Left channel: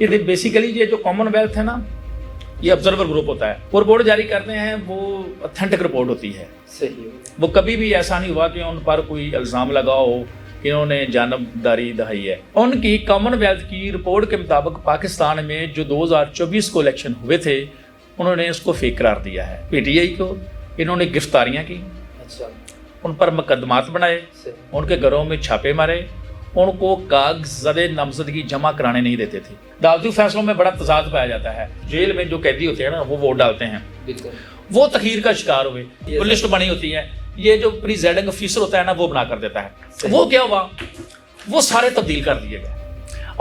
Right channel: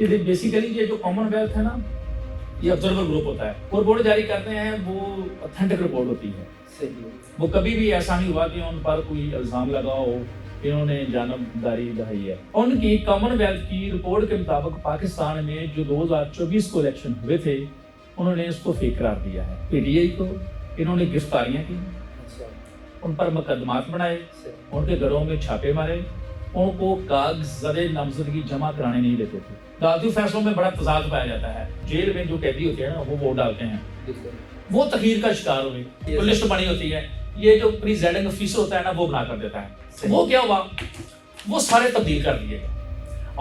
یہ بیسیکلی یہ جو کامن ویلتھ ہے نا، یہ آبزرور گروپ ہوتا ہے، وہ رپورٹ جاری کرتے ہیں، وہ اتھینٹک رپورٹ ہوتی ہے، صحیح، وہ کبھی بھی ایسا نہیں ہوا کہ ان پر کوئی الزام لگا ہو کہ انہوں نے جانبداری دہائی ہے۔ ان کی کامن ویلتھ کی رپورٹ کے مطابق پاکستان میں جو 2024 کو الیکشن ہوئے تھے انہوں نے اس کو فیک قرار دیا ہے۔ پی ٹی آئی کو انہوں نے گرفتاریاں کی، اچھا، ان پر مقدمات بنائے، صحیح، ان کے گھروں میں چھاپے مارے، ان کو کاغذ نامزدگی جمع کرانے نہیں دیتے تھے۔ عدالتی فیصلوں میں بڑا تضاد پایا جاتا ہے، جیل میں جو قیدی ہوتے ہیں نا وہ ووٹ ڈالتے ہیں، بالکل، وہ تخیر کا شکار ہوئے، وہ لسٹ بنی ہوتی ہے، یہ جو پریزائڈنگ افیسر ہوتا ہے نا وہ بنا کر دیتا ہے، وہ کیا ہوا، وہ سارے تبدیل کر دیے گئے۔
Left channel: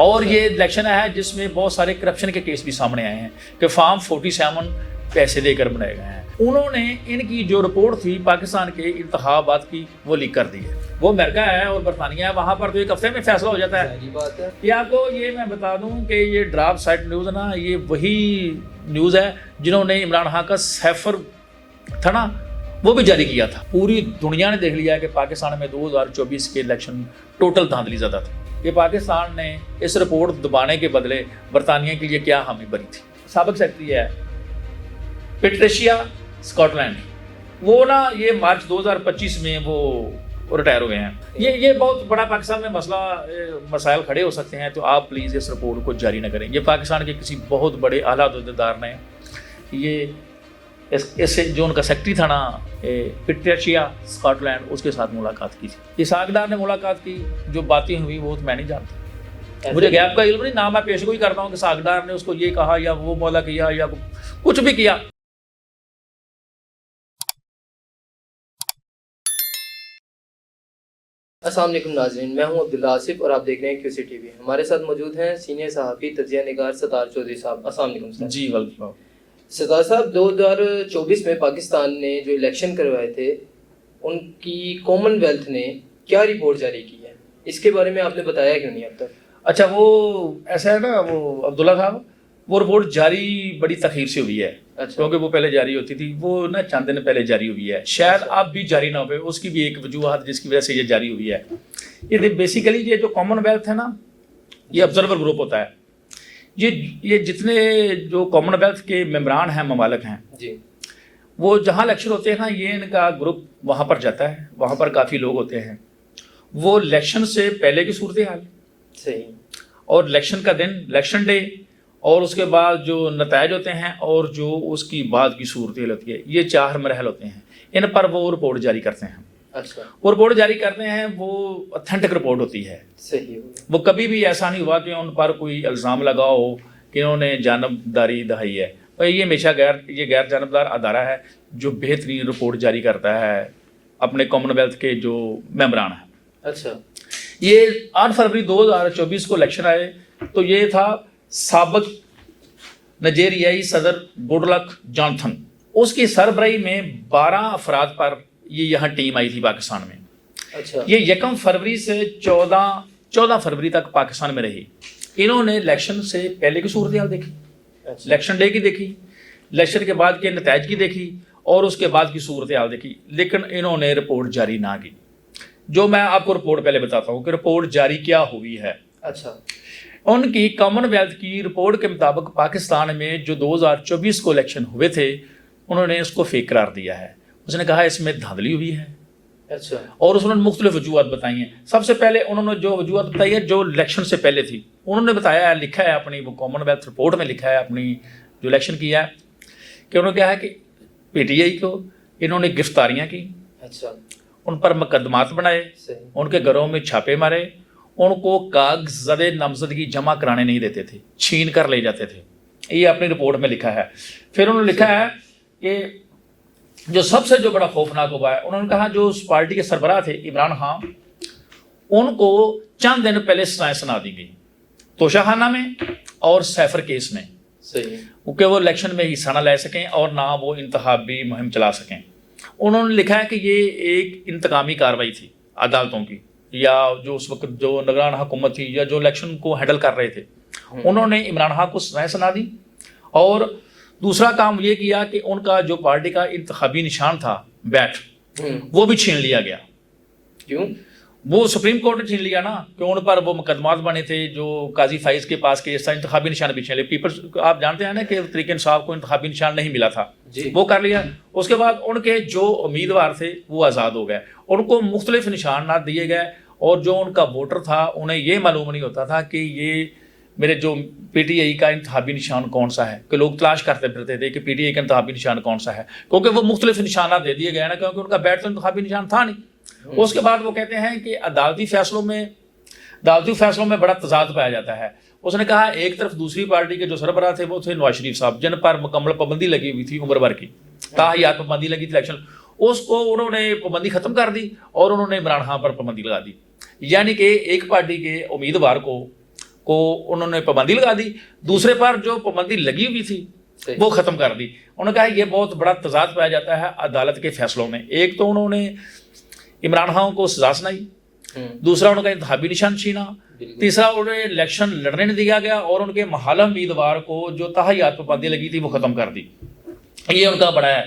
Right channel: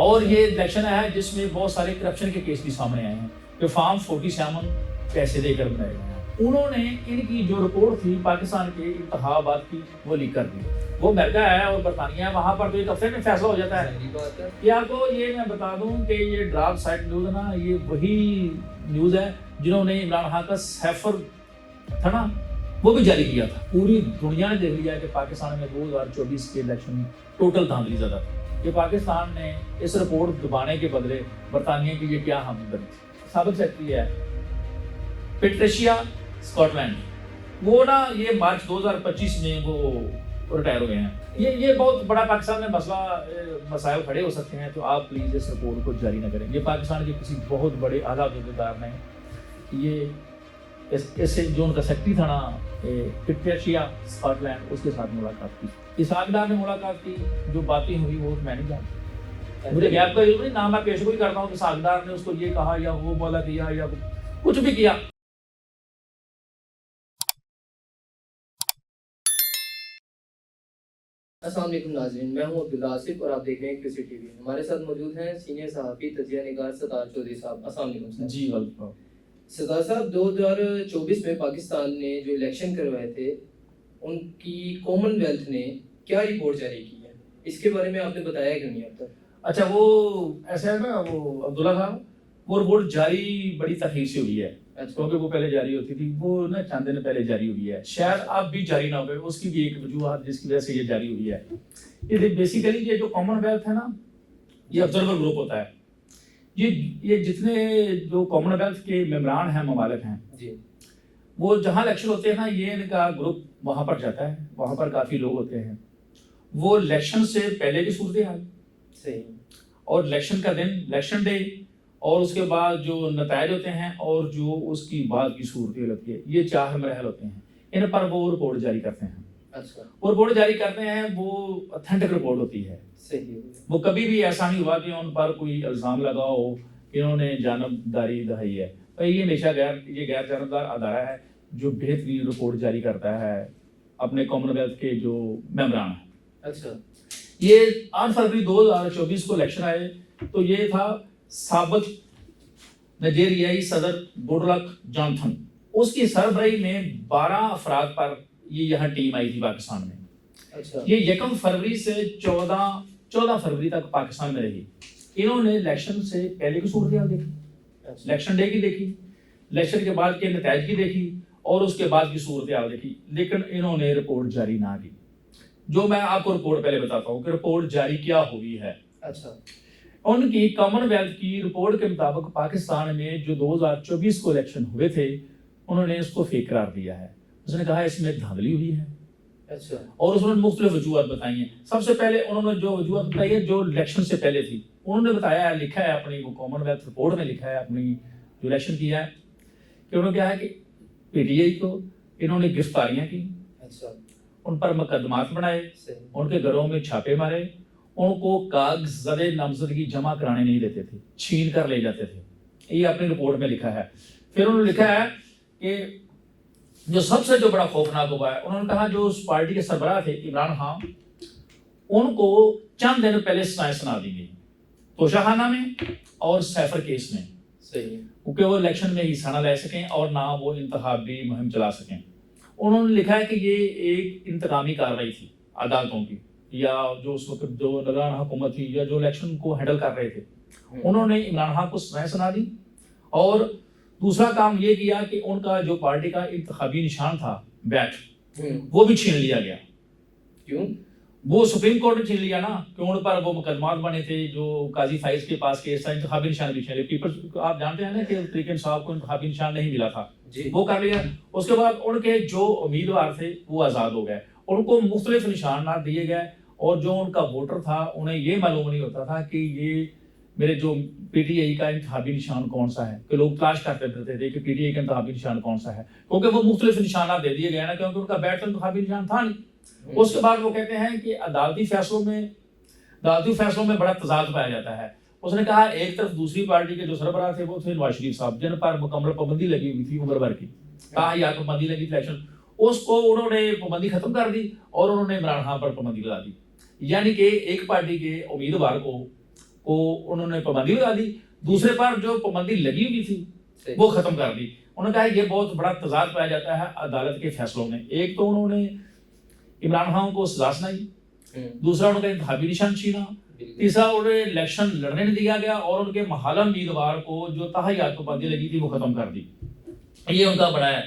اور یہ الیکشن ہے جس میں بہت سارے کرپشن کے کیس بھی سامنے آئے ہیں کہ فارم 47 پیسے دے کر بنائے گئے ہیں۔ انہوں نے ان کی جو رپورٹ تھی پاکستان کے انتخابات کی وہ لیک کر دی ہے۔ وہ امریکہ ہے اور برطانیہ ہے، وہاں پر تو ایک ہفتے میں فیصلہ ہو جاتا ہے۔ صحیح بات ہے، یہ آپ کو یہ میں بتا دوں کہ یہ ڈراپ سائٹ نیوز نا، یہ وہی نیوز ہے جنہوں نے عمران خان کا سیفر تھا نا وہ بھی جاری کیا تھا۔ پوری دنیا نے دیکھ لیا کہ پاکستان میں 2024 کے الیکشن ٹوٹل دھاندلی زدہ تھے۔ یہ پاکستان نے اس رپورٹ دبانے کے بدلے برطانیہ کے لیے کیا حامی بنی تھی۔ سابق سیکرٹری ہے پیٹریشیا اسکاٹ لینڈ، وہ نا یہ مارچ 2025 میں وہ ریٹائر ہوئے ہیں۔ یہ بہت بڑا پاکستان میں مسائل کھڑے ہو سکتے ہیں، تو آپ پلیز اس رپورٹ کو جاری نہ کریں۔ یہ پاکستان کے کسی بہت بڑے اعلیٰ عہدیدار نے یہ اس جو ان کا سیکرٹری تھا نا پیٹریشیا اسکاٹ لینڈ، اس کے ساتھ ملاقات کی تھی۔ اسحاق ڈار نے ملاقات کی، جو باتیں ہوئی وہ تو میں نہیں جانتا، مجھے گیپ کا علم نہیں، نہ میں پیش گوئی کرتا ہوں کہ اسحاق ڈار نے اس کو یہ کہا یا وہ بولا کیا یا کچھ بھی کیا۔ السلام علیکم ناظرین، میں ہوں عبداللہ آصف اور آپ دیکھ رہے ہیں QC TV۔ ہمارے ساتھ موجود ہیں سینئر صحافی تجزیہ نگار ستار چودھری صاحب۔ السلام علیکم سر۔ جی ویلکم۔ ستار صاحب، 2024 میں پاکستان نے جو الیکشن کروائے تھے ان کی کامن ویلتھ نے کیا رپورٹ جاری کی ہے، اس کے بارے میں آپ نے بتایا کیوں نہیں اب تک؟ اچھا، وہ ایسا ہے نا، وہ عبداللہ صاحب، وہ رپورٹ جاری بڑی تاخیر سے ہوئی ہے، کیونکہ وہ پہلے جاری ہوتی تھی، وہ نا چند دن پہلے جاری ہوئی ہے، شاید اب بھی جاری نہ ہوئے، اس کی بھی ایک وجوہات جس کی وجہ سے یہ جاری ہوئی ہے۔ یہ بیسیکلی یہ جو کامن ویلتھ ہے نا، یہ آبزرور گروپ ہوتا ہے، یہ جتنے جو کامن ویلتھ کے ممبران ہیں، ممالک ہیں، جی، وہ جہاں الیکشن ہوتے ہیں نا، یہ ان کا گروپ وہاں پر جاتا ہے، وہاں پر کافی لوگ ہوتے ہیں، وہ الیکشن سے پہلے کی صورتحال، صحیح، اور الیکشن کا دن، الیکشن ڈے، اور اس کے بعد جو نتائج ہوتے ہیں اور جو اس کی بعد کی صورتحال ہوتی ہے، یہ 4 مراحل ہوتے ہیں، ان پر وہ رپورٹ جاری کرتے ہیں۔ اچھا، وہ رپورٹ جاری کرتے ہیں، وہ اتھینٹک رپورٹ ہوتی ہے، صحیح، وہ کبھی بھی ایسا نہیں ہوا کہ ان پر کوئی الزام لگا ہو کہ انہوں نے جانبداری دہائی ہے۔ اور یہ ہمیشہ غیر جانبدار ادارہ ہے جو بہترین رپورٹ جاری کرتا ہے اپنے کامن ویلتھ کے جو ممبران ہیں۔ اچھا، یہ 8 فروری 2024 کو الیکشن آئے تو یہ تھا سابق نائجیریائی صدر گڈ لک جوناتھن، اس کی سربراہی میں 12 افراد پر یہ یہاں ٹیم آئی تھی پاکستان میں۔ اچھا، یہ 1 فروری سے 14 فروری تک پاکستان میں رہی۔ انہوں نے الیکشن سے پہلے کی صورتحال دیکھی، الیکشن ڈے کی دیکھی، الیکشن کے بعد کے نتائج کی دیکھی، اور اس کے بعد کی صورتحال دیکھی، لیکن انہوں نے رپورٹ جاری نہ کی۔ جو میں آپ کو رپورٹ پہلے بتاتا ہوں کہ رپورٹ جاری کیا ہوئی ہے۔ اچھا، ان کی کامن ویلتھ کی رپورٹ کے مطابق پاکستان میں جو 2024 کو الیکشن ہوئے تھے انہوں نے اس کو فیک قرار دیا ہے۔ اس نے کہا اس میں دھاندلی ہوئی ہے، اچھا، اور اس نے مختلف وجوہات بتائی ہیں۔ سب سے پہلے انہوں نے جو وجوہات بتائی ہے جو الیکشن سے پہلے تھی، انہوں نے بتایا ہے، لکھا ہے اپنی وہ کامن ویلتھ رپورٹ میں لکھا ہے اپنی جو الیکشن کیا ہے، کہ انہوں نے کہا ہے کہ پی ٹی آئی کو انہوں نے گرفتاریاں کی، اچھا، ان پر مقدمات بنائے، صحیح، ان کے گھروں میں چھاپے مارے، ان کو کاغذ نامزدگی جمع کرانے نہیں دیتے تھے، چھین کر لے جاتے تھے۔ یہ اپنی رپورٹ میں لکھا ہے۔ پھر انہوں نے لکھا ہے کہ جو سب سے جو بڑا خوفناک ہوا ہے، انہوں نے کہا جو اس پارٹی کے سربراہ تھے عمران خان، ان کو چند دن پہلے سزائیں سنا دی گئی توشہ خانہ میں اور سیفر کیس میں، صحیح، کیونکہ وہ الیکشن میں حصہ نہ لے سکیں اور نہ وہ انتخابی مہم چلا سکیں۔ انہوں نے لکھا ہے کہ یہ ایک انتقامی کارروائی تھی عدالتوں کی، یا جو اس وقت جو نگران حکومت تھی یا جو الیکشن کو ہینڈل کر رہے تھے، انہوں نے عمران خان کو سزائیں سنا دی، اور دوسرا کام یہ کیا کہ ان کا جو پارٹی کا انتخابی نشان تھا بیٹ، وہ بھی چھین لیا گیا۔ کیوں؟ وہ سپریم کورٹ نے چھین لیا نا کہ ان پر وہ مقدمات بنے تھے جو قاضی فائز کے پاس کیس تھا, انتخابی نشان بھی چھین لے. پیپلز آپ جانتے ہیں نا کہ تحریک انصاف کو انتخابی نشان نہیں ملا تھا, وہ کر لیا. اس کے بعد ان کے جو امیدوار تھے وہ آزاد ہو گئے, ان کو مختلف نشانات دیے گئے, اور جو ان کا ووٹر تھا انہیں یہ معلوم نہیں ہوتا تھا کہ یہ میرے جو پی ٹی آئی کا انتخابی نشان کون سا ہے, کہ لوگ تلاش کرتے پھرتے تھے کہ پی ٹی آئی کا انتخابی نشان کون سا ہے, کیونکہ وہ مختلف نشانات دے دیے گئے نا, کیونکہ ان کا بیٹ تو انتخابی نشان تھا نہیں. اس کے بعد وہ کہتے ہیں کہ عدالتی فیصلوں میں بڑا تضاد پایا جاتا ہے. اس نے کہا ایک طرف دوسری پارٹی کے جو سربراہ تھے وہ تھے نواز شریف صاحب, جن پر مکمل پابندی لگی ہوئی تھی عمر بھر کی, تاحیات پابندی لگی تھی الیکشن, اس کو انہوں نے پابندی ختم کر دی اور انہوں نے عمران خان پر پابندی لگا دی. یعنی کہ ایک پارٹی کے امیدوار کو انہوں نے پابندی لگا دی, دوسرے پر جو پابندی لگی ہوئی تھی وہ ختم کر دی. انہوں نے کہا یہ بہت بڑا تضاد پایا جاتا ہے عدالت کے فیصلوں میں. ایک تو انہوں نے عمران خان کو سزا سنائی, دوسرا ان کا انتخابی نشان چھینا, تیسرا انہیں الیکشن لڑنے نہیں دیا گیا, اور ان کے محالہ امیدوار کو جو تاحیات پابندی لگی تھی وہ ختم کر دی. یہ ان کا بڑا ہے.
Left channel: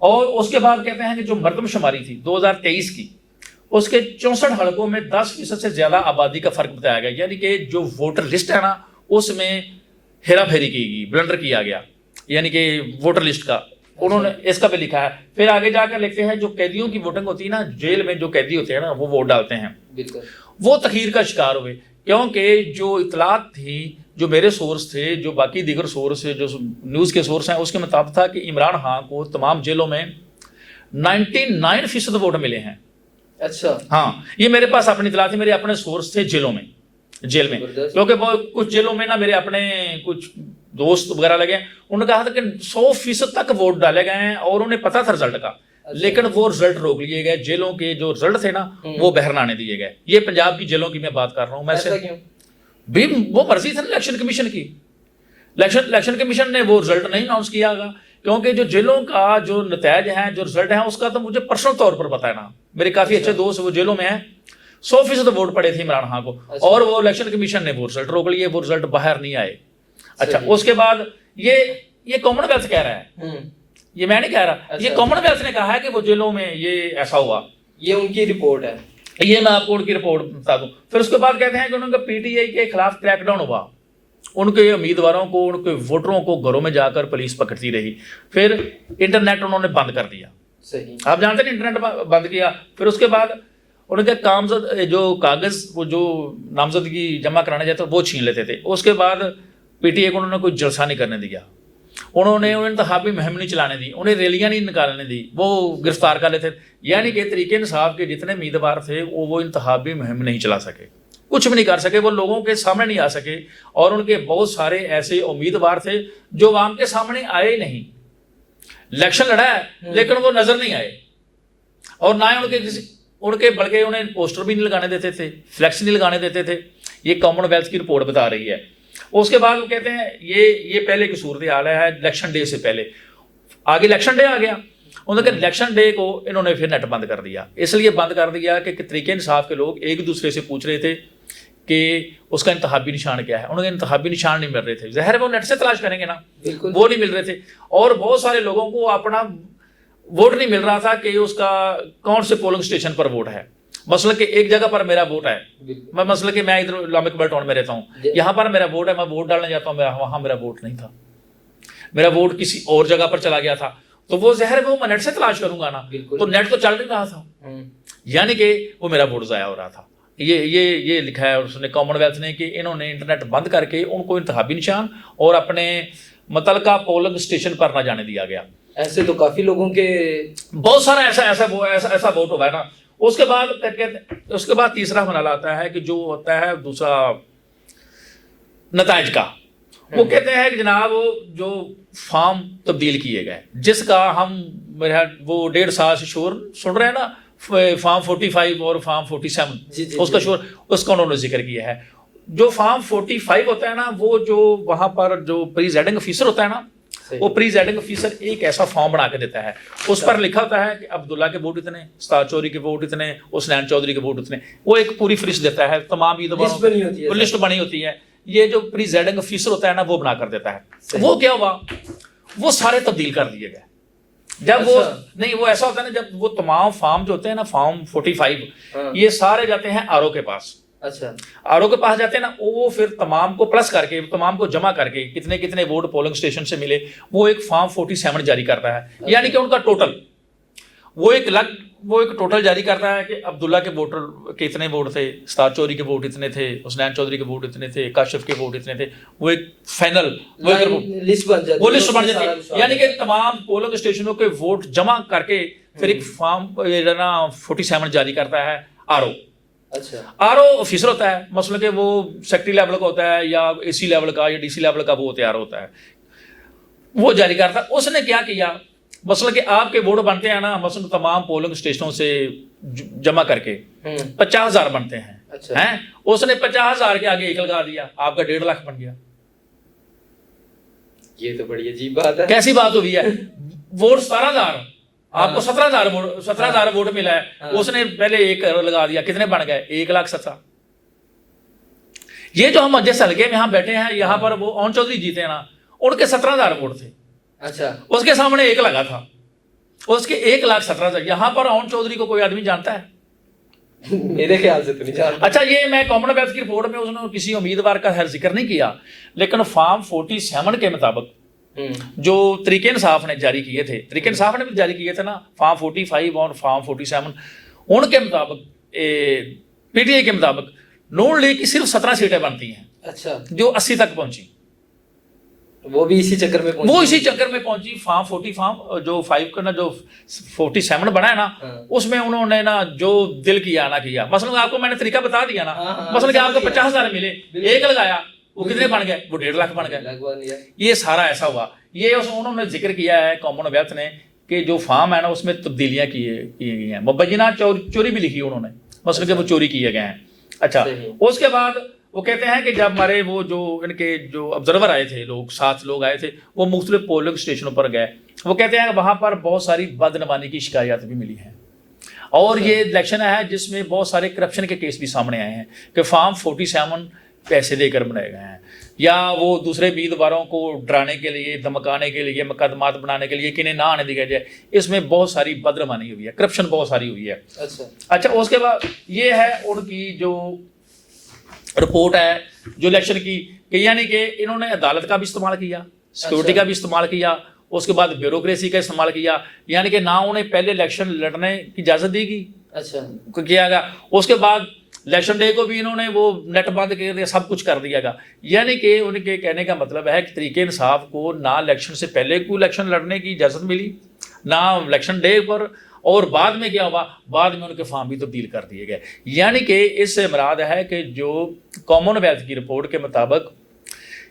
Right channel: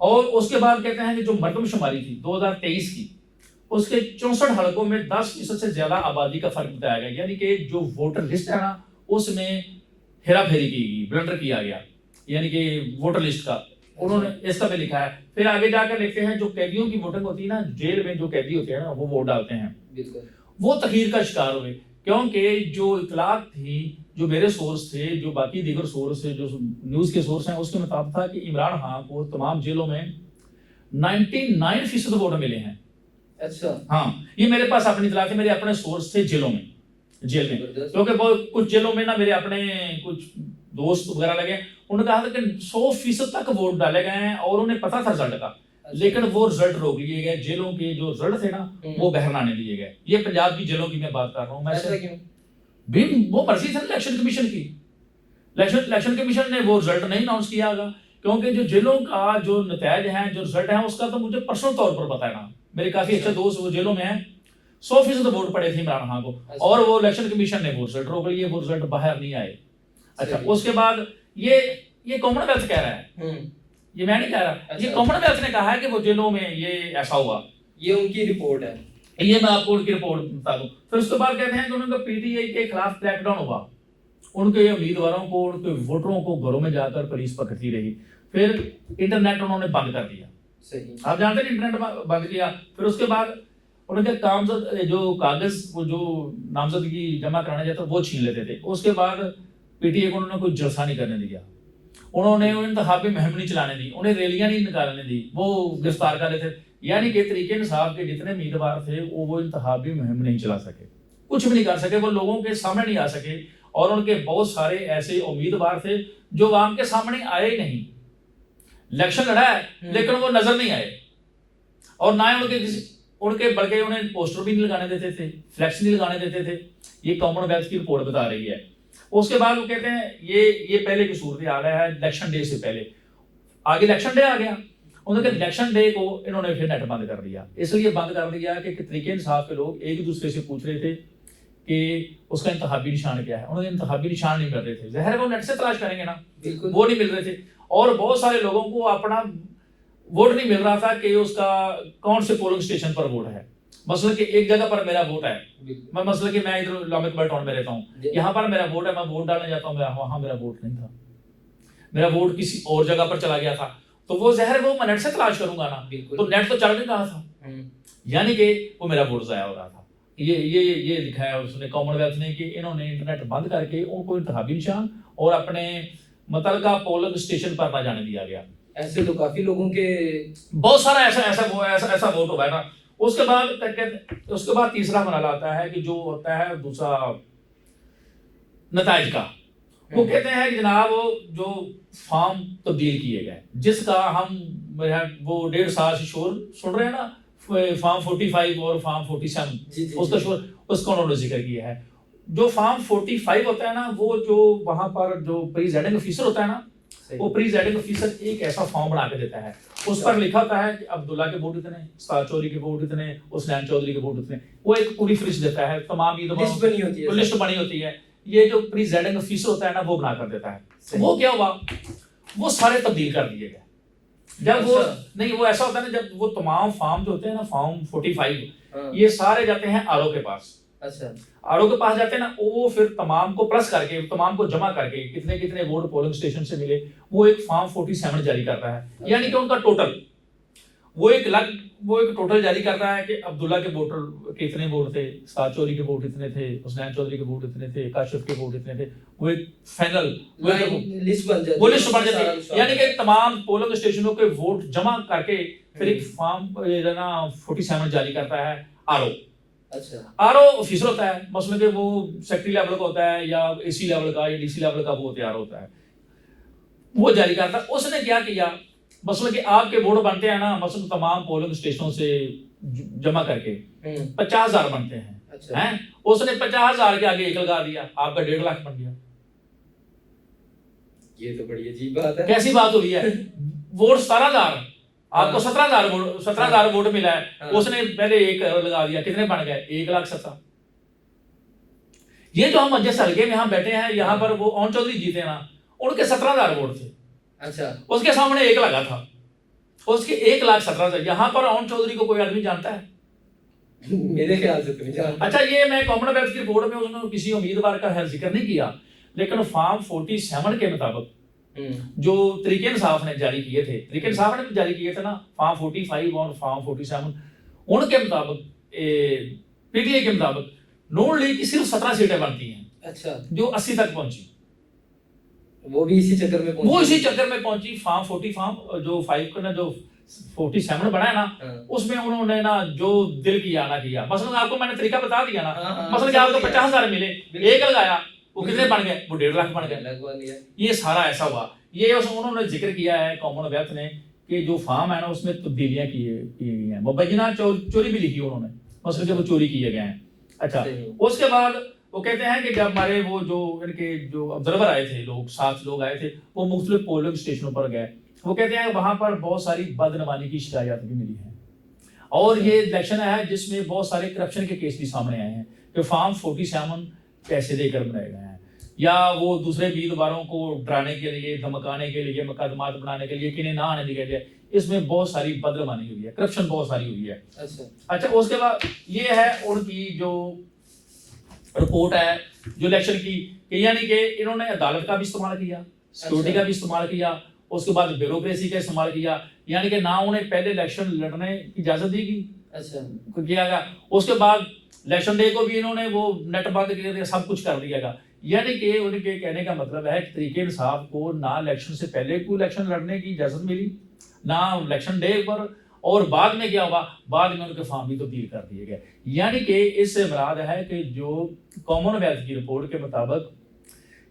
اور اس کے بعد کہتے ہیں کہ جو مردم شماری تھی 2023 کی, اس کے 64 حلقوں میں 10% سے زیادہ آبادی کا فرق بتایا گیا. یعنی کہ جو ووٹر لسٹ ہے نا اس میں ہیرا پھیری کی گئی, بلنڈر کیا گیا, یعنی کہ ووٹر لسٹ کا انہوں نے اس کا بھی لکھا ہے. پھر آگے جا کر لکھتے ہیں جو قیدیوں کی ووٹنگ ہوتی ہے نا, جیل میں جو قیدی ہوتے ہیں نا وہ ووٹ ڈالتے ہیں, وہ تاخیر کا شکار ہوئے, کیونکہ جو اطلاعات تھی, جو میرے سورس تھے, جو باقی دیگر سورس جو نیوز کے سورس ہیں, اس کے مطابق تھا کہ عمران خان کو تمام جیلوں میں 99% ووٹ ملے ہیں. اچھا ہاں, یہ میرے پاس اپنی اطلاع تھی, میرے اپنے سورس تھے جیل میں, کیونکہ کچھ جیلوں میں نا میرے اپنے کچھ دوست وغیرہ لگے, انہوں نے کہا تھا کہ 100% تک ووٹ ڈالے گئے ہیں, اور انہیں پتا تھا رزلٹ کا, لیکن وہ رزلٹ روک لیے گئے. جیلوں کے جو رزلٹ تھے نا وہ باہر نہ آنے دیے گئے. یہ پنجاب کی جیلوں کی میں بات کر رہا ہوں. میں وہ مرضی تھی الیکشن کمیشن کی, الیکشن کمیشن نے وہ رزلٹ نہیں اناؤنس کیا گا, کیونکہ جو جیلوں کا جو نتائج ہیں, جو رزلٹ ہیں, اس کا تو مجھے پرسنل طور پر پتا ہے نا, میرے کافی اچھے دوست وہ جیلوں میں ہیں. 100% ووٹ پڑے تھے عمران خان کو, اور وہ الیکشن کمیشن نے وہ رزلٹ روک لیے, وہ رزلٹ باہر نہیں آئے. اچھا, اس کے بعد یہ کامن ویلتھ کہہ رہا ہے, یہ میں نہیں کہہ رہا, یہ کامن ویلتھ نے کہا ہے کہ وہ جیلوں میں یہ ایسا ہوا. یہ ان کی رپورٹ ہے, یہ میں آپ کو ان کی رپورٹ بتا دوں. پھر اس کے بعد کہتے ہیں کہ انہوں نے پی ٹی آئی کے خلاف کریک ڈاؤن ہوا, ان کے امیدواروں کو, ان کے ووٹروں کو گھروں میں جا کر پولیس پکڑتی رہی. پھر انٹرنیٹ انہوں نے بند کر دیا, آپ جانتے ہیں انٹرنیٹ بند کیا. پھر اس کے بعد ان کے جو کاغذ وہ جو نامزدگی جمع کرانے جاتے وہ چھین لیتے تھے. اس کے بعد پی ٹی آئی کو انہوں نے کوئی جلسہ نہیں کرنے دیا, انہوں نے انتخابی مہم نہیں چلانے دی, انہیں ریلیاں نہیں نکالنے دی, وہ گرفتار کر لیتے. یعنی کہ تحریک انصاف کے جتنے امیدوار تھے وہ انتخابی مہم نہیں چلا سکے, کچھ بھی نہیں کر سکے, وہ لوگوں کے سامنے نہیں آ سکے. اور ان کے بہت سارے ایسے امیدوار تھے جو عوام کے سامنے آئے نہیں. الیکشن لڑا ہے لیکن وہ نظر نہیں آئے, اور نہ ان کے بلکہ انہیں پوسٹر بھی نہیں لگانے دیتے تھے, فلیکس نہیں لگانے دیتے تھے. یہ کامن ویلتھ کی رپورٹ بتا رہی ہے. اس کے بعد وہ کہتے ہیں یہ پہلے کی صورتحال ہے الیکشن ڈے سے پہلے. آگے الیکشن ڈے آ گیا, انہوں نے الیکشن ڈے کو انہوں نے پھر نیٹ بند کر دیا. اس لیے بند کر دیا کہ تحریک انصاف کے لوگ ایک دوسرے سے پوچھ رہے تھے کہ اس کا انتخابی نشان کیا ہے, انہوں نے انتخابی نشان نہیں مل رہے تھے. ظاہر ہے وہ نیٹ سے تلاش کریں گے نا, وہ نہیں مل رہے تھے. اور بہت سارے لوگوں کو اپنا ووٹ نہیں مل رہا تھا کہ اس کا کون سے پولنگ اسٹیشن پر ووٹ ہے. مثلا کہ ایک جگہ پر میرا ووٹ ہے, میں مثلا کہ میں ادھر اسلامک بل ٹاؤن میں رہتا ہوں, یہاں پر میرا ووٹ ہے, میں ووٹ ڈالنے جاتا ہوں, وہاں میرا ووٹ نہیں تھا, میرا ووٹ کسی اور جگہ پر چلا گیا تھا. تو وہ ظاہر وہ میں نیٹ سے تلاش کروں گا نا, تو نیٹ تو چل نہیں رہا تھا, یعنی کہ وہ میرا ووٹ ضائع ہو رہا تھا. یہ لکھا ہے اس نے کامن ویلتھ نے کہ انہوں نے انٹرنیٹ بند کر کے ان کو انتخابی نشان اور اپنے متعلقہ پولنگ اسٹیشن پر نہ جانے دیا گیا. ایسے تو کافی لوگوں کے بہت سارا ایسا ووٹ ہوا ہے نا. اس کے بعد تیسرا مرحلہ آتا ہے کہ جو ہوتا ہے دوسرا نتائج کا. وہ کہتے ہیں کہ جناب جو فارم تبدیل کیے گئے, جس کا ہم وہ 1.5 سال سے شور سن رہے ہیں نا, فارم 45 اور فارم 47, اس کا شور, اس کا انہوں نے ذکر کیا ہے. جو فارم 45 ہوتا ہے نا, وہ جو وہاں پر جو پریزائڈنگ آفیسر ہوتا ہے نا, وہ پریزائڈنگ آفیسر ایک ایسا فارم بنا کے دیتا ہے, اس پر لکھا ہوتا ہے کہ عبداللہ کے ووٹ اتنے, استاد چودھری کے ووٹ اتنے, حسنین چودھری کے ووٹ اتنے. وہ ایک پوری فہرست دیتا ہے, تمام لسٹ بنی ہوتی ہے. یہ جو پریزائڈنگ آفیسر ہوتا ہے نا وہ بنا کر دیتا ہے. وہ کیا ہوا, وہ سارے تبدیل کر دیے گئے, جب وہ اچھا۔ نہیں وہ ایسا ہوتا ہے نا جب وہ تمام فارم جو ہوتے ہیں نا فارم 45 ہاں۔ یہ سارے جاتے ہیں آر او کے پاس. اچھا آر او کے پاس جاتے ہیں نا وہ پھر تمام کو پلس کر کے تمام کو جمع کر کے کتنے کتنے ووٹ پولنگ اسٹیشن سے ملے وہ ایک فارم 47 جاری کرتا ہے. یعنی کہ ان کا ٹوٹل وہ ایک ٹوٹل جاری کرتا ہے کہ عبداللہ کے ووٹر کے اتنے ووٹ تھے, استاد چوری کے ووٹ اتنے تھے, حسنین چودھری کے ووٹ اتنے تھے, کاشف کے ووٹ اتنے تھے. وہ ایک فائنل لسٹ بن جاتی وہ لسٹ بن جاتی ہے. یعنی کہ تمام پولنگ اسٹیشنوں کے ووٹ جمع کر کے پھر ایک فارم 47 جاری کرتا ہے آر او. اچھا آر او آفیسر ہوتا ہے, مثلا کہ وہ سیکٹری لیول کا ہوتا ہے یا اے سی لیول کا یا ڈی سی لیول کا وہ تیار ہوتا ہے, وہ جاری کرتا ہے. اس نے کیا کیا مثلا کہ آپ کے ووٹ بنتے ہیں نا مثلا تمام پولنگ اسٹیشنوں سے جمع کر کے 50,000 بنتے ہیں. اس نے 50,000 کے آگے ایک لگا دیا, آپ کا 1.5 لاکھ بن گیا. یہ تو بڑی عجیب بات ہے. کیسی بات ہوئی ہے؟ ووٹ 17,000 آپ کو 17,000 ووٹ ملا ہے, اس نے پہلے ایک لگا دیا, کتنے بن گئے 1,17,000. یہ جو ہم جس حلقے میں یہاں بیٹھے ہیں یہاں پر وہ اون چودھری جیتے ہیں نا, ان کے 17,000 ووٹ تھے. اچھا اس کے سامنے ایک لگا تھا, اس کے 1,17,000. یہاں پر اون چودھری کو کوئی آدمی جانتا ہے؟ میرے خیال سے تو نہیں جانتا. اچھا یہ میں کامن ویلتھ کی رپورٹ میں اس نے کسی امیدوار کا خیر ذکر نہیں کیا, لیکن فارم 47 کے مطابق جو طریقہ انصاف نے جاری کیے تھے, طریقہ انصاف نے بھی جاری کیے تھے نا فارم 45 اور فارم 47, ان کے مطابق پی ٹی آئی کے مطابق نون لیگ کی صرف 17 سیٹیں بنتی ہیں. اچھا جو 80 تک پہنچی, وہ بھی اسی چکر میں وہ اسی چکر میں پہنچی. فارم 40 فارم جو 5 کا نا جو 47 بنا ہے نا, اس میں انہوں نے نا جو دل کیا نہ کیا. مثلا آپ کو میں نے طریقہ بتا دیا نا, مثلا کہ آپ کو 50,000 ملے, ایک لگایا, وہ کتنے بن گئے, وہ 1.5 لاکھ بن گئے. یہ سارا ایسا ہوا. یہ انہوں نے ذکر کیا ہے کامن ویلتھ نے کہ جو فارم ہے نا اس میں تبدیلیاں کی گئی ہیں, مبینہ چوری بھی لکھی انہوں نے, مثلا کہ وہ چوری کیے گئے ہیں. اچھا اس کے بعد وہ کہتے ہیں کہ جب ہمارے وہ جو ان کے جو آبزرور آئے تھے لوگ 7 لوگ آئے تھے, وہ مختلف پولنگ اسٹیشنوں پر گئے. وہ کہتے ہیں وہاں پر بہت ساری بدعنوانی کی شکایات بھی ملی ہیں, اور یہ الیکشن ہے جس میں بہت سارے کرپشن کے کیس بھی سامنے آئے ہیں کہ فارم 47 پیسے دے کر بنائے گئے ہیں, یا وہ دوسرے امیدواروں کو ڈرانے کے لیے, دھمکانے کے لیے, مقدمات بنانے کے لیے کہ انہیں نہ آنے دیا جائے. اس میں بہت ساری بدعنوانی ہوئی ہے, کرپشن بہت ساری ہوئی ہے. اچھا اس کے بعد یہ ہے ان کی جو رپورٹ ہے جو الیکشن کی, کہ یعنی کہ انہوں نے عدالت کا بھی استعمال کیا, سیکورٹی کا بھی استعمال کیا, اس کے بعد بیوروکریسی کا استعمال کیا. یعنی کہ نہ انہیں پہلے الیکشن لڑنے کی اجازت دی گئی, اچھا کیا گیا, اس کے بعد الیکشن ڈے کو بھی انہوں نے وہ نیٹ بند کر دیا, سب کچھ کر دیا گا. یعنی کہ ان کے کہنے کا مطلب ہے کہ طریقہ انصاف کو نہ الیکشن سے پہلے کوئی الیکشن لڑنے کی اجازت ملی, نہ الیکشن ڈے پر, اور بعد میں کیا ہوا, بعد میں ان کے فارم بھی تبدیل کر دیے گئے. یعنی کہ اس سے مراد ہے کہ جو کامن ویلتھ کی رپورٹ کے مطابق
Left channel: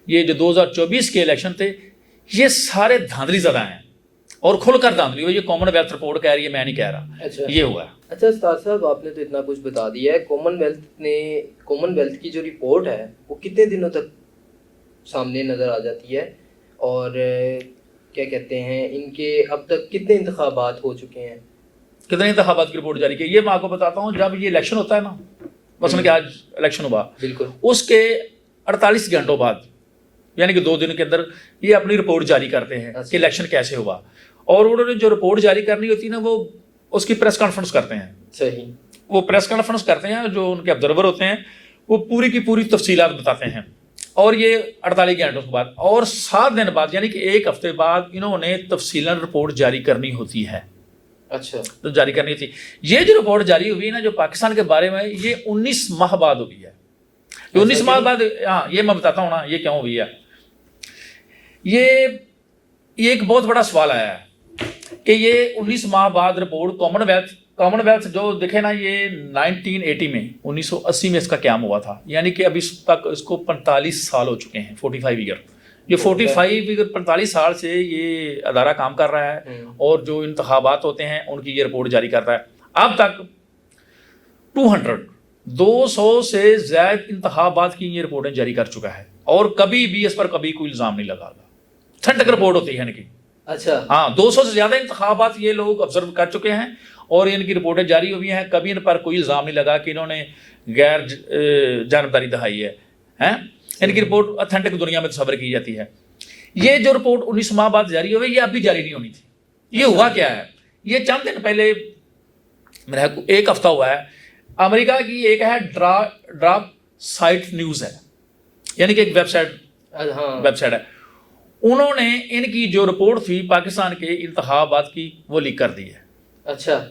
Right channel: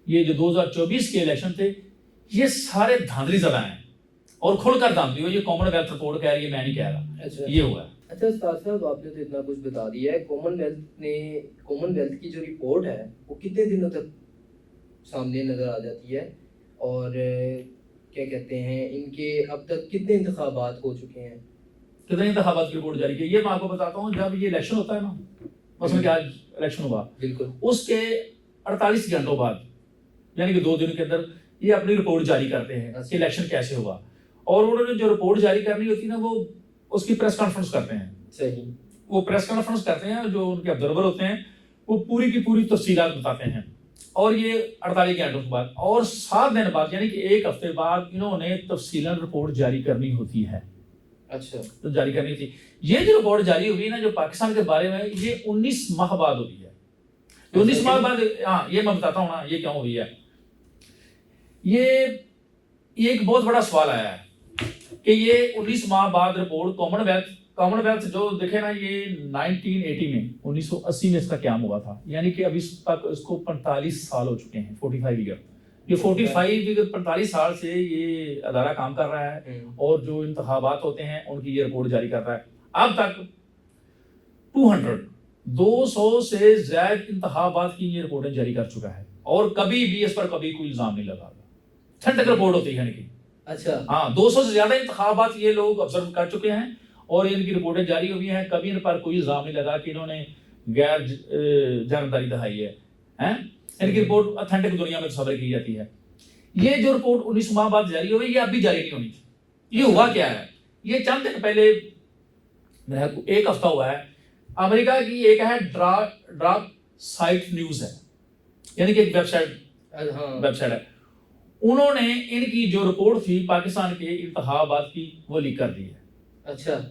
یہ جو 2024 کے الیکشن تھے یہ سارے دھاندلی زدہ ہیں, اور کھل کر دھاندلی ہو. یہ کامن ویلتھ رپورٹ کہہ رہی ہے, میں نہیں کہہ رہا, یہ ہوا ہے. اچھا استاد صاحب آپ نے تو اتنا کچھ بتا دیا ہے, کامن ویلتھ کی جو رپورٹ ہے وہ کتنے دنوں تک سامنے نظر آ جاتی ہے, اور کیا کہتے ہیں ان کے اب تک کتنے انتخابات ہو چکے ہیں, کتنے انتخابات کی رپورٹ جاری کی؟ یہ میں آپ کو بتاتا ہوں. جب یہ الیکشن ہوتا ہے نا, مثلا کہ آج الیکشن ہوا, بالکل اس کے 48 گھنٹوں بعد یعنی کہ 2 دن کے اندر یہ اپنی رپورٹ جاری کرتے ہیں کہ الیکشن کیسے ہوا, اور انہوں نے جو رپورٹ جاری کرنی ہوتی ہے نا وہ اس کی پریس کانفرنس کرتے ہیں. صحیح, وہ پریس کانفرنس کرتے ہیں, جو ان کے آبزرور ہوتے ہیں وہ پوری کی پوری تفصیلات بتاتے ہیں, اور یہ 48 گھنٹوں کے بعد اور 7 دن بعد یعنی کہ 1 ہفتے بعد انہوں نے تفصیلاً رپورٹ جاری کرنی ہوتی ہے. اچھا تو جاری کرنی تھی. یہ جو رپورٹ جاری ہوئی نا جو پاکستان کے بارے میں, یہ 19 ماہ بعد ہوئی ہے. 19 ماہ بعد, ہاں یہ میں بتاتا ہوں نا یہ کیوں ہوئی ہے. یہ ایک بہت بڑا سوال آیا ہے کہ یہ 19 ماہ بعد رپورٹ کامن ویلتھ جو دیکھے نا, یہ 1980 میں 1980 میں اس کا قیام ہوا تھا, یعنی کہ ابھی تک اس کو 45 سال ہو چکے ہیں, 45 ایئر. یہ 45 سال سے یہ ادارہ کام کر رہا ہے, اور جو انتخابات ہوتے ہیں ان کی یہ رپورٹ جاری کر رہا ہے. اب تک 200 سے زائد انتخابات کی یہ رپورٹیں جاری کر چکا ہے, اور کبھی بھی اس پر کبھی کوئی الزام نہیں لگا. تھنڈک رپورٹ ہوتی ہے ان کی. اچھا ہاں 200 سے زیادہ انتخابات یہ لوگ آبزرو کر چکے ہیں, اور ان کی رپورٹیں جاری ہوئی ہیں. کبھی ان پر کوئی الزام نہیں لگا کہ انہوں نے غیر جانبداری دکھائی ہے. ان کی رپورٹ اتھینٹک دنیا میں تصور کی جاتی ہے. یہ جو رپورٹ 19 ماہ بعد جاری ہوئی, یہ اب بھی جاری نہیں ہونی تھی. یہ ہوا کیا ہے؟ یہ چند دن پہلے میرا ایک ہفتہ ہوا ہے، امریکہ کی ایک ہے ڈراپ سائٹ نیوز ہے، یعنی کہ ایک ویب سائٹ ہے، انہوں نے ان کی جو رپورٹ تھی پاکستان کے انتخابات کی وہ لیک کر دی ہے۔ اچھا،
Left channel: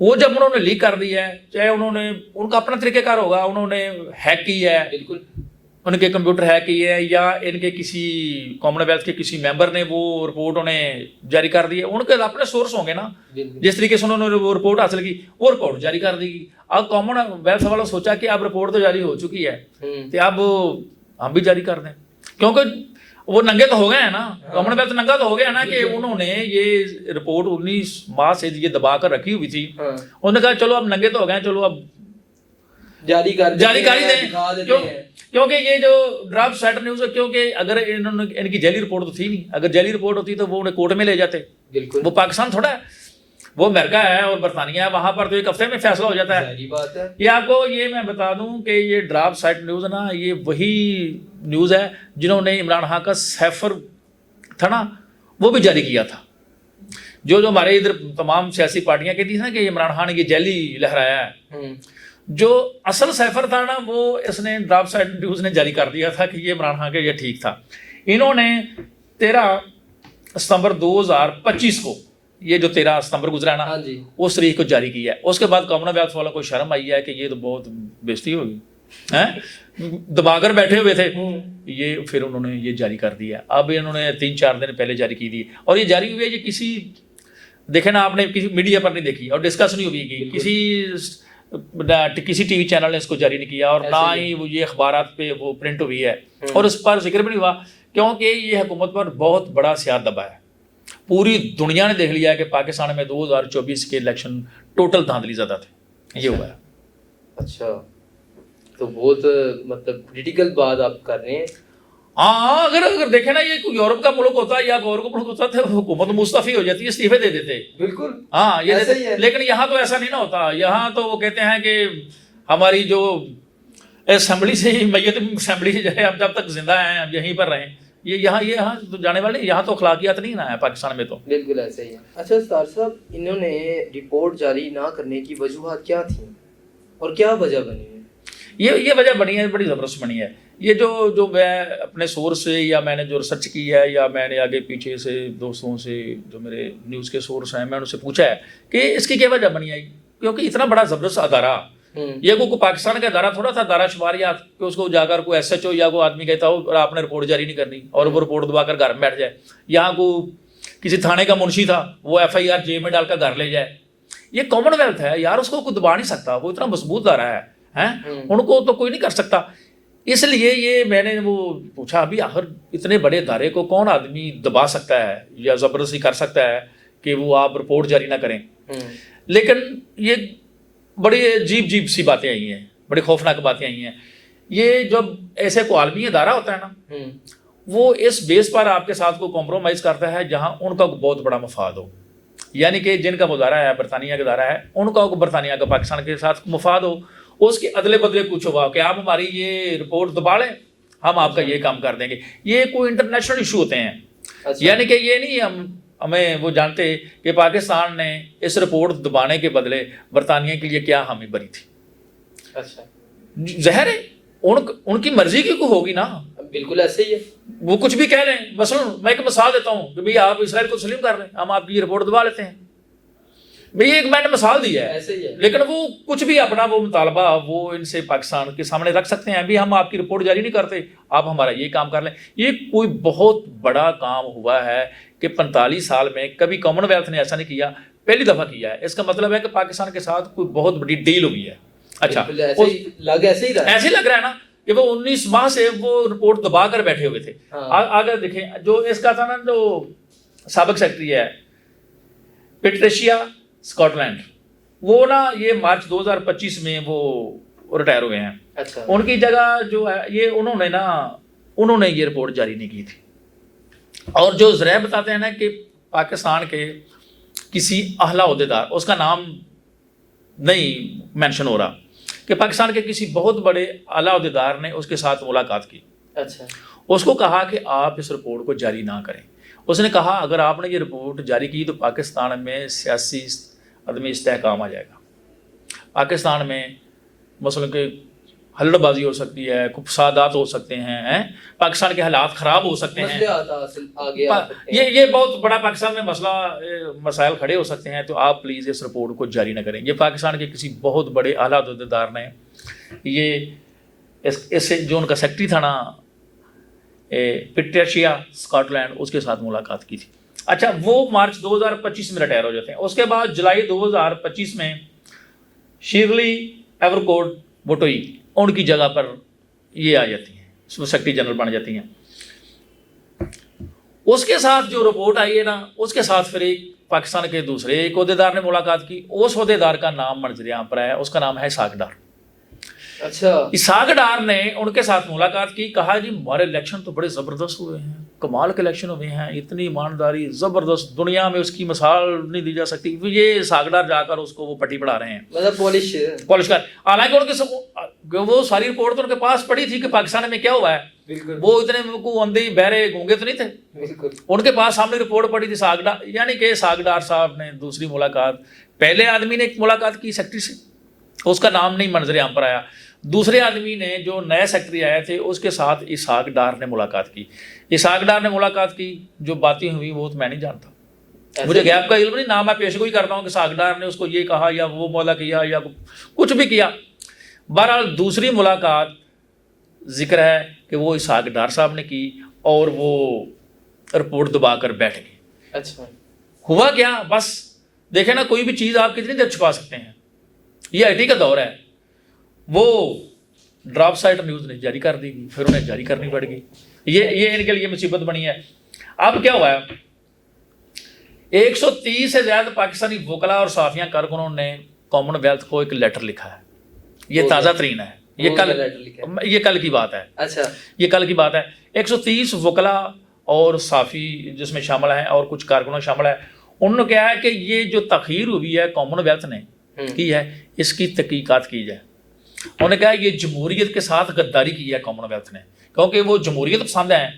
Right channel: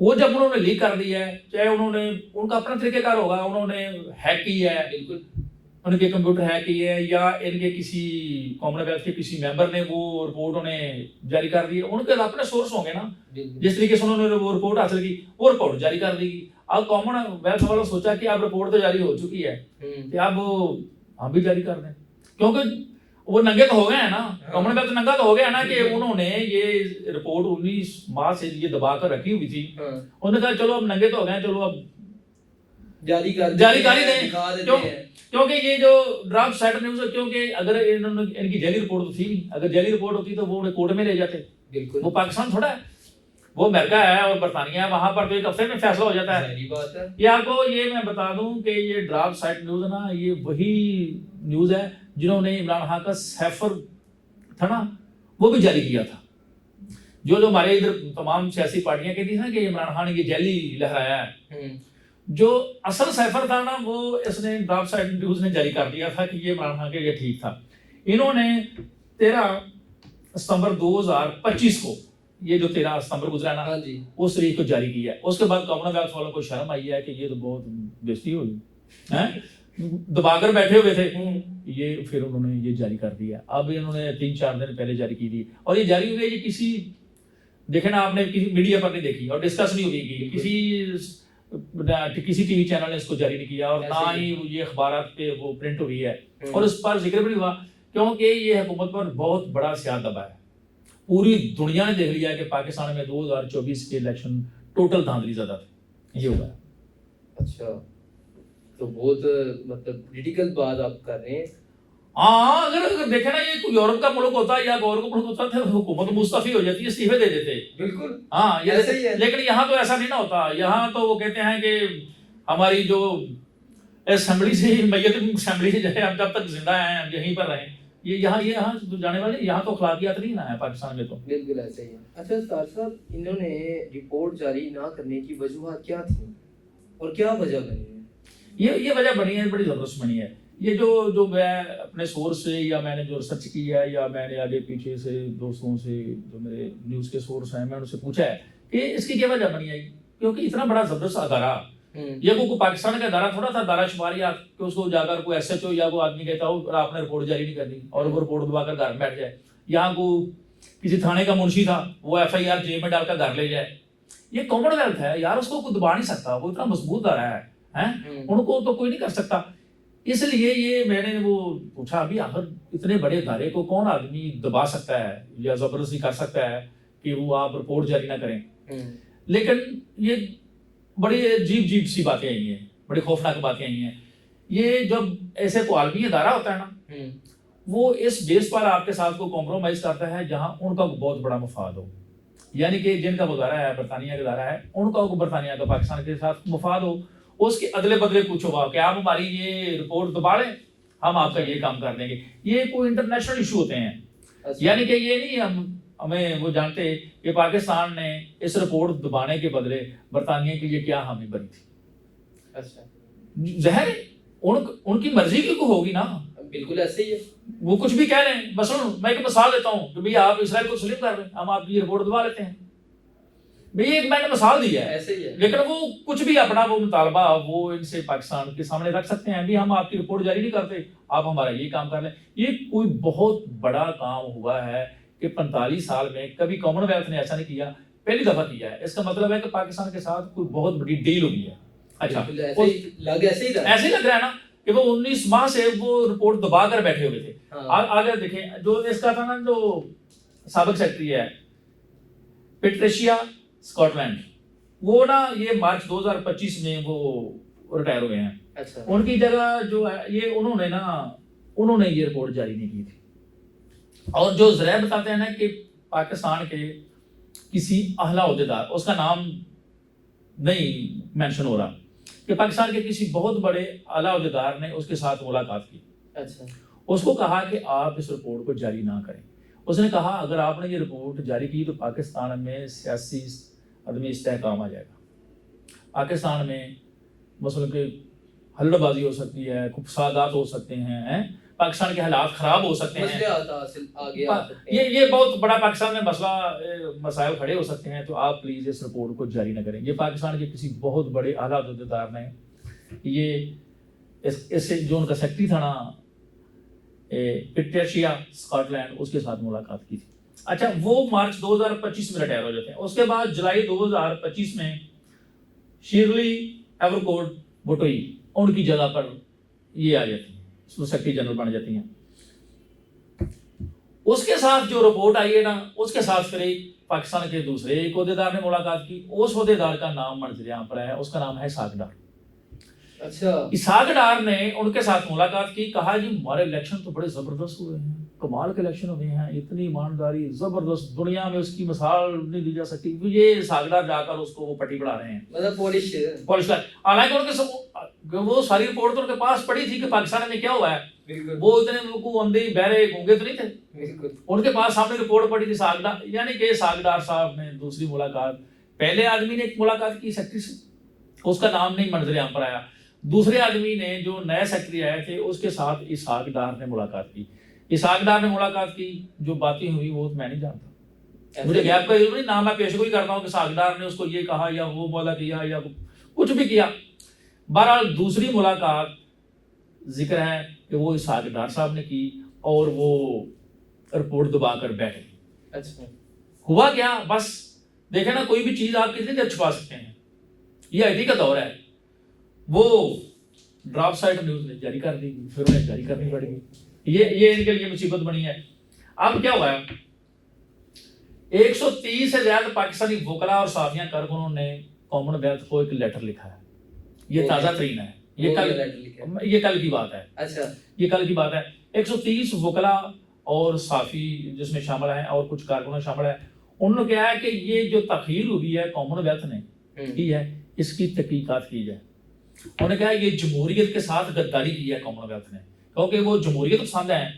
وہ جب انہوں نے لیک کر دی ہے، چاہے انہوں نے ان کا اپنا طریقہ کار ہوگا، انہوں نے ہیک کی ہے، بالکل ان کے کمپیوٹر ہیک کی ہے، یا ان کے کسی کامن ویلتھ کے کسی ممبر نے وہ رپورٹ انہیں جاری کر دی ہے، ان کے اپنے سورس ہوں گے نا، جس طریقے سے انہوں نے وہ رپورٹ حاصل کی وہ رپورٹ جاری کر دی گی۔ اب کامن ویلتھ والوں سوچا کہ اب رپورٹ تو جاری ہو چکی ہے تو اب ہم بھی جاری کر دیں، کیونکہ وہ ننگے تو ہو گئے ہیں نا، کامن ویلتھ ننگا تو ہو گیا نا، کہ انہوں نے یہ رپورٹ 19 ماہ سے یہ دبا کر رکھی ہوئی تھی، انہوں نے کہا چلو اب ننگے تو ہو گئے ہیں، چلو اب جاری کر دیں، کیونکہ یہ جو ڈراپ سائٹ نیوز ہے، کیونکہ اگر انہوں نے ان کی جعلی رپورٹ تو تھی نہیں، اگر جعلی رپورٹ ہوتی تو وہ انہیں کورٹ میں لے جاتے، وہ پاکستان تھوڑا ہے، وہ امریکہ ہے اور برطانیہ ہے، وہاں پر تو ایک ہفتے میں فیصلہ ہو جاتا ہے۔ یہ آپ کو یہ میں بتا دوں کہ یہ ڈراپ سائٹ نیوز نا، یہ وہی نیوز ہے جنہوں نے عمران خان کا سیفر تھا نا وہ بھی جاری کیا تھا، جو ہمارے ادھر تمام سیاسی پارٹیاں کہتی ہیں نا کہ عمران خان نے یہ جعلی لہرایا ہے، جو اصل سیفر تھا نا وہ اس نے ڈراپ سائٹ نیوز نے جاری کر دیا تھا کہ یہ عمران خان کا یہ ٹھیک تھا۔ انہوں نے 13 ستمبر 2025 کو، یہ جو 13 ستمبر گزرا نا، اس تاریخ کو جاری کیا ہے۔ اس کے بعد کامن ویلتھ والوں کو شرم آئی ہے کہ یہ تو بہت بےزتی ہوگی، دبا کر بیٹھے ہوئے تھے، یہ پھر انہوں نے یہ جاری کر دیا۔ اب انہوں نے 3-4 دن پہلے جاری کی دی، اور یہ جاری ہوئی ہے، یہ کسی دیکھیں نا آپ نے کسی میڈیا پر نہیں دیکھی اور ڈسکس نہیں ہوئی، کسی ٹی وی چینل نے اس کو جاری نہیں کیا، اور نہ ہی وہ یہ اخبارات پہ وہ پرنٹ ہوئی ہے، اور اس پر ذکر بھی نہیں ہوا، کیونکہ یہ حکومت پر بہت بڑا سیاہ دبا ہے۔ پوری دنیا نے دیکھ لیا ہے کہ پاکستان میں 2024 کے الیکشن ٹوٹل دھاندلی زدہ تھے، یہ ہوا ہے۔ اچھا، تو بہت مطلب کریٹیکل بات آپ کر رہے ہیں۔ ہاں، اگر دیکھیں نا، یہ کوئی یورپ کا ملک ہوتا یا غور کا ملک ہوتا تو حکومت مستعفی ہو جاتی ہے، استعفے دے دیتے۔ بالکل، ہاں، یہ لیکن یہاں تو ایسا نہیں نہ ہوتا، یہاں تو وہ کہتے ہیں کہ ہماری جو اسمبلی سے ہی میت اسمبلی سے جو ہے، ہم جب تک زندہ ہیں ہم یہیں پر رہیں، یہ یہاں تو جانے والے، یہاں تو اخلاقیات نہیں نا ہے پاکستان میں تو۔ بالکل ایسا ہی ہے۔ اچھا سردار صاحب، انہوں نے رپورٹ جاری نہ کرنے کی وجوہات کیا تھیں اور کیا وجہ بنی ہے؟ یہ وجہ بنی ہے، بڑی زبردست بنی ہے۔ یہ جو میں اپنے سورس سے، یا میں نے جو ریسرچ کی ہے، یا میں نے آگے پیچھے سے دوستوں سے جو میرے نیوز کے سورس ہیں، میں ان سے پوچھا ہے کہ اس کی کیا وجہ بنی ہے، کیونکہ اتنا بڑا زبردست ادارہ، یہ کوئی پاکستان کا ادارہ تھوڑا تھا، دارا شماریات، کہ اس کو جا کر کوئی ایس ایچ او یا کوئی آدمی کہتا ہو اور آپ نے رپورٹ جاری نہیں کرنی، اور وہ رپورٹ دبا کر گھر میں بیٹھ جائے، یہاں کو کسی تھانے کا منشی تھا وہ ایف آئی آر جیل میں ڈال کر گھر لے جائے۔ یہ کامن ویلتھ ہے یار، اس کو کوئی دبا نہیں سکتا، وہ اتنا مضبوط ادارہ ہے، ان کو تو کوئی نہیں کر سکتا۔ اس لیے یہ میں نے وہ پوچھا، ابھی آخر اتنے بڑے ادارے کو کون آدمی دبا سکتا ہے یا زبردستی کر سکتا ہے کہ وہ آپ رپورٹ جاری نہ کریں؟ لیکن یہ بڑی عجیب سی باتیں آئی ہیں، بڑی خوفناک باتیں آئی ہیں۔ یہ جب ایسے کو عالمی ادارہ ہوتا ہے نا، وہ اس بیس پر آپ کے ساتھ کو کمپرومائز کرتا ہے جہاں ان کا بہت بڑا مفاد ہو، یعنی کہ جن کا ادارہ ہے برطانیہ کا ادارہ ہے، ان کا برطانیہ کا پاکستان کے ساتھ مفاد ہو، اس کے ادلے بدلے پوچھو گا کہ آپ ہماری یہ رپورٹ دبا لیں، ہم آپ کا یہ کام کر دیں گے۔ یہ کوئی انٹرنیشنل ایشو ہوتے ہیں، یعنی کہ یہ نہیں ہمیں وہ جانتے کہ پاکستان نے اس رپورٹ دبانے کے بدلے برطانیہ کے لیے کیا حامی بری تھی۔ اچھا، ظاہر ہے ان کی مرضی کی کوئی ہوگی نا، بالکل ایسے ہی ہے، وہ کچھ بھی کہہ لیں۔ مثلا میں ایک مثال دیتا ہوں کہ بھئی آپ اسرائیل کو تسلیم کر لیں، ہم آپ کی یہ رپورٹ دبا لیتے ہیں، بھئی ایک میں نے مثال دی ہے، ایسے ہی ہے، لیکن وہ کچھ بھی اپنا وہ مطالبہ وہ ان سے پاکستان کے سامنے رکھ سکتے ہیں، بھی ہم آپ کی رپورٹ جاری نہیں کرتے، آپ ہمارا یہ کام کر لیں۔ یہ کوئی بہت بڑا کام ہوا ہے کہ 45 سال میں کبھی کامن ویلتھ نے ایسا نہیں کیا، پہلی دفعہ کیا ہے۔ اس کا مطلب ہے کہ پاکستان کے ساتھ کوئی بہت بڑی ڈیل ہوئی ہے۔ اچھا، ایسے ہی لگ رہا ہے نا کہ وہ 19 ماہ سے وہ رپورٹ دبا کر بیٹھے ہوئے تھے۔ آگے دیکھیں، جو اس کا تھا نا، جو سابق سیکرٹری ہے پیٹریشیا اسکاٹ لینڈ، وہ نا یہ مارچ 2025 میں وہ ریٹائر ہوئے ہیں۔ اچھا، ان کی جگہ جو ہے یہ انہوں نے یہ رپورٹ جاری نہیں کی تھی، اور جو ذرائع بتاتے ہیں نا کہ پاکستان کے کسی اعلیٰ عہدیدار، اس کا نام نہیں مینشن ہو رہا، کہ پاکستان کے کسی بہت بڑے اعلیٰ عہدیدار نے اس کے ساتھ ملاقات کی۔ اچھا، اس کو کہا کہ آپ اس رپورٹ کو جاری نہ کریں، اس نے کہا اگر آپ نے یہ رپورٹ جاری کی تو پاکستان میں سیاسی عدم استحکام آ جائے گا، پاکستان میں مثلاً کہ ہلڑ بازی ہو سکتی ہے، فسادات ہو سکتے ہیں، پاکستان کے حالات خراب ہو سکتے ہیں، یہ بہت بڑا پاکستان میں مسائل کھڑے ہو سکتے ہیں، تو آپ پلیز اس رپورٹ کو جاری نہ کریں۔ یہ پاکستان کے کسی بہت بڑے اعلیٰ عہدیدار نے یہ اس سے جو ان کا سیکٹری تھا نا پیٹریشیا اسکاٹ لینڈ، اس کے ساتھ ملاقات کی تھی۔ اچھا وہ مارچ 2025 میں ریٹائر ہو جاتے ہیں۔ اس کے بعد جولائی 2025 میں شیرلی ایورکوٹ بوٹوئی ان کی جگہ پر یہ آ جاتی ہیں، سیکرٹری جنرل بن جاتی ہیں۔ اس کے ساتھ جو رپورٹ آئی ہے نا، اس کے ساتھ پھر ایک پاکستان کے دوسرے ایک عہدیدار نے ملاقات کی۔ اس عہدیدار کا نام منظر عام پر آیا، اس کا نام ہے اسحاق ڈار۔ اچھا، اسحاق ڈار نے ان کے ساتھ ملاقات کی، کہا جی ہمارے الیکشن تو بڑے زبردست ہوئے ہیں، کمال کے الیکشن ہوئے ہیں، اتنی ایمانداری زبردست، دنیا میں اس کی مثال نہیں دی جا سکتی۔ یہ اسحاق ڈار جا کر اس کو وہ پٹی پڑھا رہے ہیں، مطلب پالش کر۔ حالانکہ ان کے وہ ساری رپورٹ تو ان کے پاس پڑی تھی کہ پاکستان میں کیا ہوا ہے، بالکل وہ اتنے کو اندھے بہرے گونگے تو نہیں تھے، بالکل ان کے پاس سامنے رپورٹ پڑی تھی اسحاق ڈار۔ یعنی کہ اسحاق ڈار صاحب نے دوسری ملاقات، پہلے آدمی نے ایک ملاقات کی سیکٹری سے، اس کا نام نہیں منظر عام پر آیا، دوسرے آدمی نے جو نئے سیکٹری آئے تھے اس کے ساتھ اسحاق ڈار نے ملاقات کی۔ اسحاق ڈار نے ملاقات کی، جو باتیں ہوئی وہ تو میں نہیں جانتا، مجھے گیپ کا علم نہیں، نہ میں پیش گوئی کرتا ہوں کہ اسحاق ڈار نے اس کو یہ کہا یا وہ مولا کیا یا کچھ بھی کیا۔ بہرحال دوسری ملاقات ذکر ہے کہ وہ اسحاق ڈار صاحب نے کی اور وہ رپورٹ دبا کر بیٹھ گئے۔ اچھا، ہوا کیا؟ بس دیکھیں نا، کوئی بھی چیز آپ کتنی دیر چھپا سکتے ہیں، یہ آئی ٹی کا دور ہے۔ وہ ڈراپ سائٹ نیوز نے جاری کر دی گئی، پھر انہیں جاری کرنی پڑ گئی، یہ ان کے لیے مصیبت بنی ہے۔ اب کیا ہوا ہے، 130 سے زیادہ پاکستانی وکلاء اور صحافیاں کارکنوں نے کامن ویلتھ کو ایک لیٹر لکھا ہے، یہ تازہ ترین ہے، یہ کل کی بات ہے۔ اچھا، یہ کل کی بات ہے۔ 130 وکلاء اور صحافی جس میں شامل ہیں اور کچھ کارکنوں شامل ہیں، انہوں نے کہا ہے کہ یہ جو تاخیر ہوئی ہے کامن ویلتھ نے کی ہے، اس کی تحقیقات کی جائے۔ انہوں نے کہا یہ جمہوریت کے ساتھ غداری کی ہے کامن ویلتھ نے، کیونکہ وہ جمہوریت پسند ہیں،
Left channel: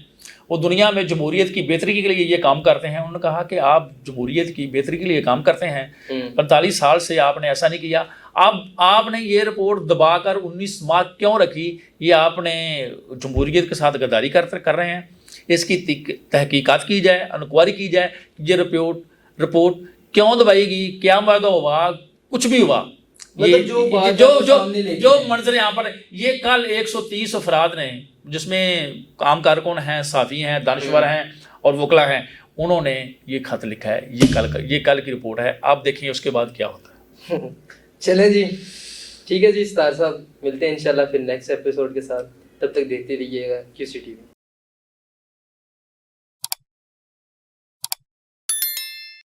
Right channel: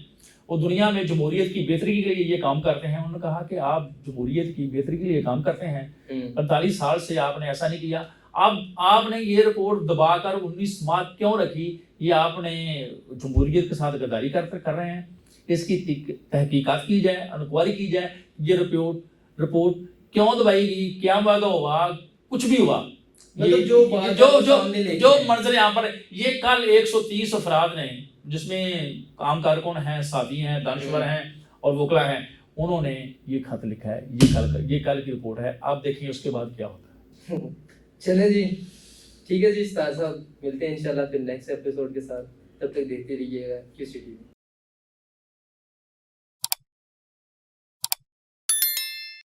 وہ دنیا میں جمہوریت کی بہتری کے لیے یہ کام کرتے ہیں۔ انہوں نے کہا کہ آپ جمہوریت کی بہتری کے لیے کام کرتے ہیں، 45 سال سے آپ نے ایسا نہیں کیا، اب آپ نے یہ رپورٹ دبا کر 19 ماہ کیوں رکھی؟ یہ آپ نے جمہوریت کے ساتھ غداری کر رہے ہیں، اس کی تحقیقات کی جائے، انکوائری کی جائے، یہ رپورٹ کیوں دبائی گئی، کیا معاہدہ ہوا، کچھ بھی ہوا، جو منظر یہاں پر یہ کل 130 افراد نے جس میں عام کارکن ہیں، صحافی ہیں، دانشور ہیں اور وکلا ہیں، انہوں نے یہ خط لکھا ہے، یہ کل کی رپورٹ ہے۔ آپ دیکھیں اس کے بعد کیا ہوتا ہے۔ چلیں جی، ٹھیک ہے جی، ستار صاحب، ملتے ہیں انشاءاللہ پھر نیکسٹ ایپیسوڈ کے ساتھ، تب تک دیکھتے رہیے گا QC TV۔